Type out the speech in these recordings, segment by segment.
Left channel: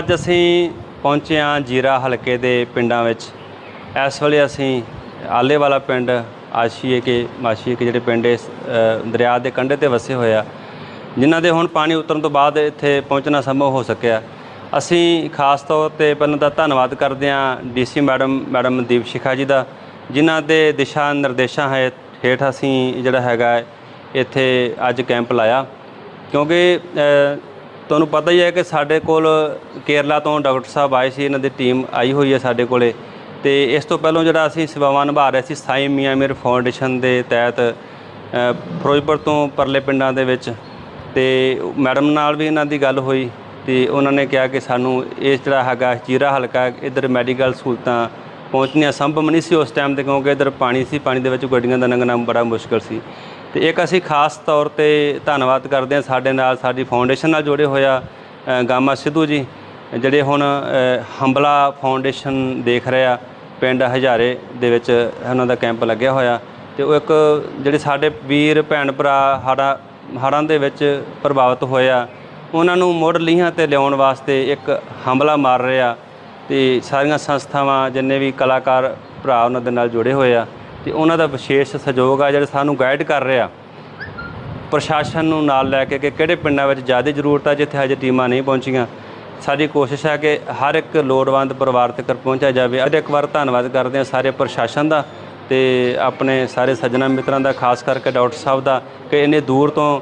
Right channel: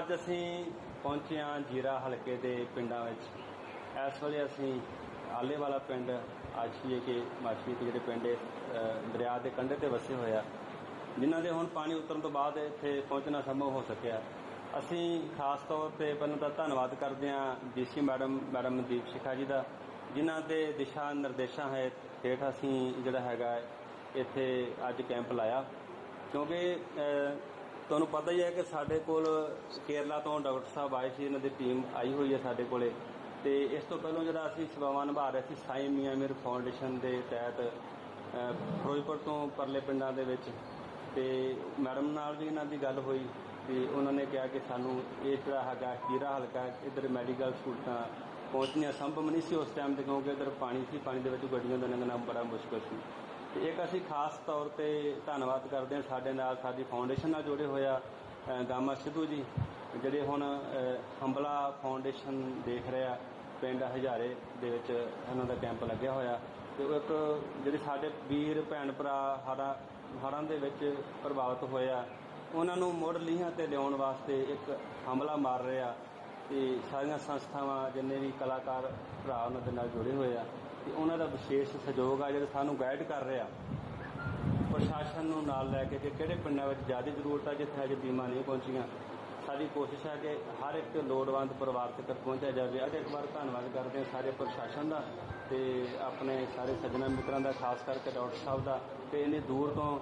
ਅੱਜ ਅਸੀਂ ਪਹੁੰਚੇ ਹਾਂ ਜੀਰਾ ਹਲਕੇ ਦੇ ਪਿੰਡਾਂ ਵਿੱਚ। ਇਸ ਵੇਲੇ ਅਸੀਂ ਆਲੇ ਵਾਲਾ ਪਿੰਡ ਆਸ਼ੀਏ ਕੇ ਮਾਸ਼ੀਏ ਕੇ ਜਿਹੜੇ ਪਿੰਡ ਇਸ ਦਰਿਆ ਦੇ ਕੰਢੇ ਤੇ ਵਸੇ ਹੋਏ ਆ, ਜਿਨ੍ਹਾਂ ਦੇ ਹੁਣ ਪਾਣੀ ਉਤਰਨ ਤੋਂ ਬਾਅਦ ਇੱਥੇ ਪਹੁੰਚਣਾ ਸੰਭਵ ਹੋ ਸਕਿਆ। ਅਸੀਂ ਖਾਸ ਤੌਰ ਤੇ ਪਹਿਲਾਂ ਤਾਂ ਧੰਨਵਾਦ ਕਰਦੇ ਹਾਂ DC madam madam Deep Shikha ji ਦਾ, ਜਿਨ੍ਹਾਂ ਦੇ ਦਿਸ਼ਾ ਨਿਰਦੇਸ਼ਾਂ ਹੈ, ਹੇਠ ਅਸੀਂ ਜਿਹੜਾ ਹੈਗਾ ਇੱਥੇ ਅੱਜ ਕੈਂਪ ਲਾਇਆ। ਕਿਉਂਕਿ ਤੁਹਾਨੂੰ ਪਤਾ ਹੀ ਹੈ ਕਿ ਸਾਡੇ ਕੋਲ ਕੇਰਲਾ ਤੋਂ ਡਾਕਟਰ ਸਾਹਿਬ ਆਏ ਸੀ, ਇਹਨਾਂ ਦੀ ਟੀਮ ਆਈ ਹੋਈ ਹੈ ਸਾਡੇ ਕੋਲੇ। ਤੇ ਇਸ ਤੋਂ ਪਹਿਲਾਂ ਜਿਹੜਾ ਅਸੀਂ ਸੇਵਾਵਾਂ ਨਿਭਾ ਰਹੇ ਸੀ, ਸਾਈ ਮੀਆਂ ਮੀਰ ਫਾਊਂਡੇਸ਼ਨ ਦੇ ਤਹਿਤ ਫਿਰੋਜ਼ਪੁਰ ਤੋਂ ਪਰਲੇ ਪਿੰਡਾਂ ਦੇ ਵਿੱਚ। ਤੇ ਮੈਡਮ ਨਾਲ ਵੀ ਇਹਨਾਂ ਦੀ ਗੱਲ ਹੋਈ ਤੇ ਉਹਨਾਂ ਨੇ ਕਿਹਾ ਕਿ ਸਾਨੂੰ ਇਹ ਜਿਹੜਾ ਹੈਗਾ ਚੀਰਾ ਹਲਕਾ, ਇਧਰ ਮੈਡੀਕਲ ਸਹੂਲਤਾਂ ਪਹੁੰਚਣੀਆਂ ਸੰਭਵ ਨਹੀਂ ਸੀ ਉਸ ਟਾਈਮ ਤੇ, ਕਿਉਂਕਿ ਇਧਰ ਪਾਣੀ ਸੀ, ਪਾਣੀ ਦੇ ਵਿੱਚ ਗੱਡੀਆਂ ਦਾ ਲੰਘਣਾ ਬੜਾ ਮੁਸ਼ਕਲ ਸੀ। ਤੇ ਇੱਕ ਅਸੀਂ ਖਾਸ ਤੌਰ ਤੇ ਧੰਨਵਾਦ ਕਰਦੇ ਹਾਂ ਸਾਡੇ ਨਾਲ ਸਾਡੀ ਫਾਊਂਡੇਸ਼ਨ ਨਾਲ ਜੁੜੇ ਹੋਇਆ ਅ, ਗਾਮਾ ਸਿੱਧੂ ਜੀ ਜਿਹੜੇ ਹੁਣ ਹੰਬਲਾ ਫਾਊਂਡੇਸ਼ਨ ਦੇਖ ਰਹੇ ਆ ਪਿੰਡ ਹਜ਼ਾਰੇ ਦੇ ਵਿੱਚ ਉਹਨਾਂ ਦਾ ਕੈਂਪ ਲੱਗਿਆ ਹੋਇਆ। ਤੇ ਉਹ ਇੱਕ ਜਿਹੜੇ ਸਾਡੇ ਵੀਰ ਭੈਣ ਭਰਾ ਹੜਾ ਹੜ੍ਹਾਂ ਦੇ ਵਿੱਚ ਪ੍ਰਭਾਵਿਤ ਹੋਏ ਆ ਉਹਨਾਂ ਨੂੰ ਮੁੜ ਲੀਹਾਂ ਤੇ ਲਿਆਉਣ ਵਾਸਤੇ ਇੱਕ ਹੰਬਲਾ ਮਾਰ ਰਿਹਾ ਤੇ ਸਾਰੀਆਂ ਸੰਸਥਾਵਾਂ ਜਿੰਨੇ ਵੀ ਕਲਾਕਾਰ ਭਰਾ ਉਹਨਾਂ ਦੇ ਨਾਲ ਜੁੜੇ ਹੋਏ ਆ ਤੇ ਉਹਨਾਂ ਦਾ ਵਿਸ਼ੇਸ਼ ਸਹਿਯੋਗ ਆ ਜਿਹੜੇ ਸਾਨੂੰ ਗਾਈਡ ਕਰ ਰਿਹਾ ਪ੍ਰਸ਼ਾਸਨ ਨੂੰ ਨਾਲ ਲੈ ਕੇ ਕਿ ਕਿਹੜੇ ਪਿੰਡਾਂ ਵਿੱਚ ਜ਼ਿਆਦਾ ਜ਼ਰੂਰਤ ਆ ਜਿੱਥੇ ਹਜੇ ਟੀਮਾਂ ਨਹੀਂ ਪਹੁੰਚੀਆਂ। ਸਾਡੀ ਕੋਸ਼ਿਸ਼ ਹੈ ਕਿ ਹਰ ਇੱਕ ਲੋੜਵੰਦ ਪਰਿਵਾਰ ਤੱਕ ਪਹੁੰਚਿਆ ਜਾਵੇ। ਅੱਜ ਇੱਕ ਵਾਰ ਧੰਨਵਾਦ ਕਰਦੇ ਹਾਂ ਸਾਰੇ ਪ੍ਰਸ਼ਾਸਨ ਦਾ ਤੇ ਆਪਣੇ ਸਾਰੇ ਸੱਜਣਾ ਮਿੱਤਰਾਂ ਦਾ, ਖਾਸ ਕਰਕੇ ਡਾਕਟਰ ਸਾਹਿਬ ਦਾ, ਕਿ ਇੰਨੇ ਦੂਰ ਤੋਂ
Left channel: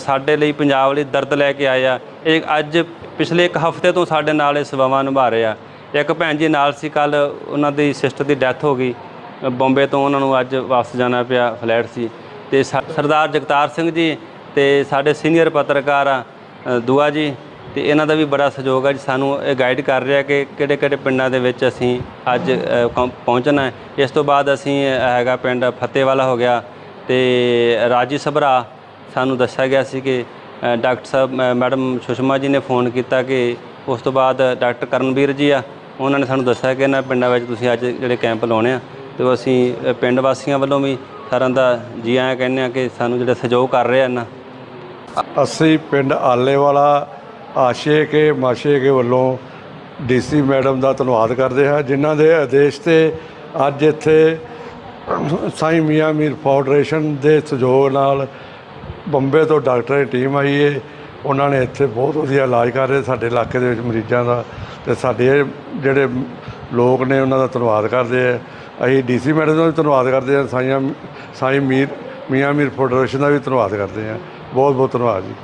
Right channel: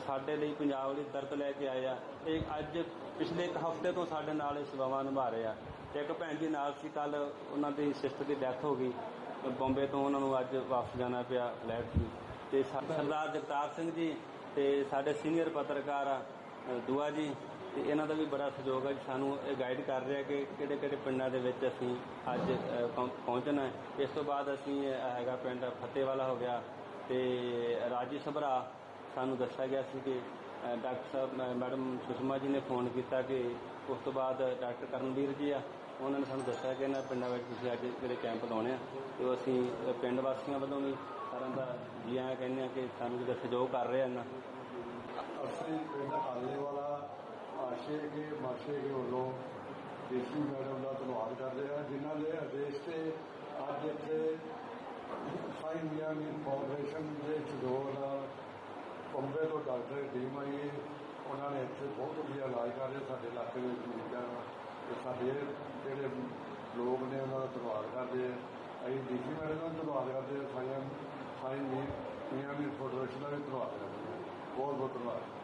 ਸਾਡੇ ਲਈ ਪੰਜਾਬ ਲਈ ਦਰਦ ਲੈ ਕੇ ਆਏ ਆ। ਇਹ ਅੱਜ ਪਿਛਲੇ ਇੱਕ ਹਫ਼ਤੇ ਤੋਂ ਸਾਡੇ ਨਾਲ ਇਹ ਸੇਵਾਵਾਂ ਨਿਭਾ ਰਹੇ ਆ। ਇੱਕ ਭੈਣ ਜੀ ਨਾਲ ਸੀ ਕੱਲ ਉਹਨਾਂ ਦੀ ਸਿਸਟਰ ਦੀ ਡੈਥ ਹੋ ਗਈ। ਬੰਬੇ ਤੋਂ ਉਹਨਾਂ ਨੂੰ ਅੱਜ ਵਾਪਸ ਜਾਣਾ ਪਿਆ ਫਲੈਟ ਸੀ। ਤੇ ਸਾ- ਸਰਦਾਰ ਜਗਤਾਰ ਸਿੰਘ ਜੀ ਤੇ ਸਾਡੇ ਸੀਨੀਅਰ ਪੱਤਰਕਾਰ ਆ ਦੁਆ ਜੀ, ਤੇ ਇਹਨਾਂ ਦਾ ਵੀ ਬੜਾ ਸਹਿਯੋਗ ਹੈ ਜੀ। ਸਾਨੂੰ ਇਹ ਗਾਈਡ ਕਰ ਰਿਹਾ ਕਿ ਕਿਹੜੇ ਕਿਹੜੇ ਪਿੰਡਾਂ ਦੇ ਵਿੱਚ ਅਸੀਂ ਅੱਜ ਪਹੁੰਚਣਾ ਹੈ। ਇਸ ਤੋਂ ਬਾਅਦ ਅਸੀਂ ਹੈਗਾ ਪਿੰਡ ਫਤਿਹਵਾਲਾ ਹੋ ਗਿਆ ਤੇ ਰਾਜੀ ਸਭਰਾ ਸਾਨੂੰ ਦੱਸਿਆ ਗਿਆ ਸੀ ਕਿ ਡਾਕਟਰ ਸਾਹਿਬ ਮੈਡਮ ਸੁਸ਼ਮਾ ਜੀ ਨੇ ਫੋਨ ਕੀਤਾ ਕਿ ਉਸ ਤੋਂ ਬਾਅਦ ਡਾਕਟਰ ਕਰਨਵੀਰ ਜੀ ਆ। ਉਹਨਾਂ ਨੇ ਸਾਨੂੰ ਦੱਸਿਆ ਕਿ ਇਹਨਾਂ ਪਿੰਡਾਂ ਵਿੱਚ ਤੁਸੀਂ ਅੱਜ ਜਿਹੜੇ ਕੈਂਪ ਲਾਉਣੇ ਆ। ਤੇ ਉਹ ਅਸੀਂ ਅ, ਪਿੰਡ ਵਾਸੀਆਂ ਵੱਲੋਂ ਵੀ ਸਾਰਿਆਂ ਦਾ ਜੀ ਆਇਆਂ ਕਹਿੰਦੇ ਆ ਕਿ ਸਾਨੂੰ ਜਿਹੜਾ ਸਹਿਯੋਗ ਕਰ ਰਹੇ ਹਨ। ਅਸੀਂ ਪਿੰਡ ਆਲੇਵਾਲਾ ਆਸ਼ੇ ਕੇ ਮਾਸ਼ੇ ਕੇ ਵੱਲੋਂ ਡੀਸੀ ਮੈਡਮ ਦਾ ਧੰਨਵਾਦ ਕਰਦੇ ਹਾਂ ਜਿਨ੍ਹਾਂ ਦੇ ਆਦੇਸ਼ ਤੇ ਅੱਜ ਇੱਥੇ ਸਾਈਂ ਮੀਆਂ ਮੀਰ ਫਾਊਂਡੇਸ਼ਨ ਦੇ ਸਹਿਯੋਗ ਨਾਲ ਬੰਬੇ ਤੋਂ ਡਾਕਟਰ ਦੀ ਟੀਮ ਆਈ ਹੈ ਉਹਨਾਂ ਨੇ ਇੱਥੇ ਬਹੁਤ ਵਧੀਆ ਇਲਾਜ ਕਰ ਰਹੇ ਸਾਡੇ ਇਲਾਕੇ ਦੇ ਵਿੱਚ ਮਰੀਜ਼ਾਂ ਦਾ ਤੇ ਸਾਡੇ ਜਿਹੜੇ ਲੋਕ ਨੇ ਉਹਨਾਂ ਦਾ ਧੰਨਵਾਦ ਕਰਦੇ ਆ। ਅਸੀਂ ਡੀਸੀ ਮੈਡਮ ਦਾ ਵੀ ਧੰਨਵਾਦ ਕਰਦੇ ਹਾਂ, ਸਾਈਆਂ ਸਾਈ ਮੀਰ ਮੀਆਂ ਮੀਰ ਫਾਊਂਡੇਸ਼ਨ ਦਾ ਵੀ ਧੰਨਵਾਦ ਕਰਦੇ ਹਾਂ। ਬਹੁਤ ਬਹੁਤ ਧੰਨਵਾਦ ਜੀ।